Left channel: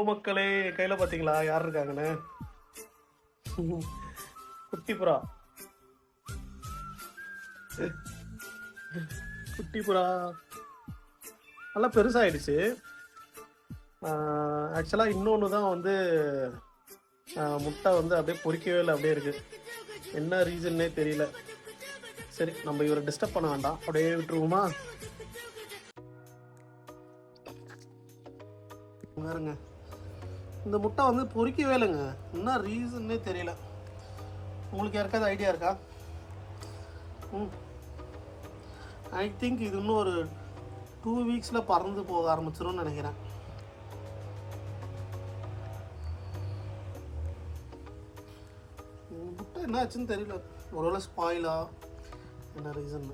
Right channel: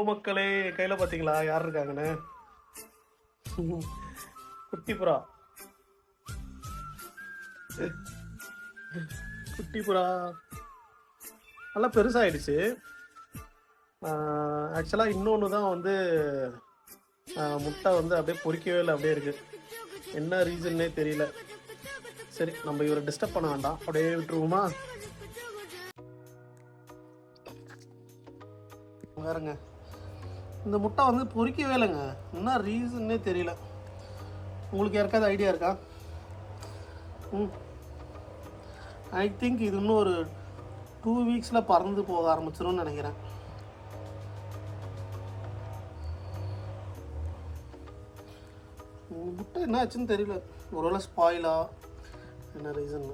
மக்களே கையில பாத்தீங்களா? யார் இருக்காங்கன்னு? குட்டி புறா. குட்டி புறா. நல்லா பெருசாயிடுச்சு. ஆக்சுவலாக இன்னொன்று தான் வந்து முட்டை வந்து அப்படியே பொறிக்கவே இல்லை அப்படியே இருக்கு. என்ன ரீசன்னே தெரியல. சரி நம்ம இவரை டிஸ்டர்ப் பண்ண வேண்டாம். அப்படியே விட்டுருவோமா? பாருங்க. இந்த முட்டை வந்து பொறிக்கவே இல்லைங்க. என்ன ரீசன்னே தெரியல. உங்களுக்கு யாருக்காவது ஐடியா இருக்கா? ஐ திங்க் இது இன்னும் ஒரு டூ வீக்ஸில் பறந்து போக ஆரம்பிச்சிரும்னு நினைக்கிறேன். உங்கள் முட்டை என்ன ஆச்சுன்னு தெரியல. ஒருவேளை ஸ்பாயிலா என்ன ரீசன்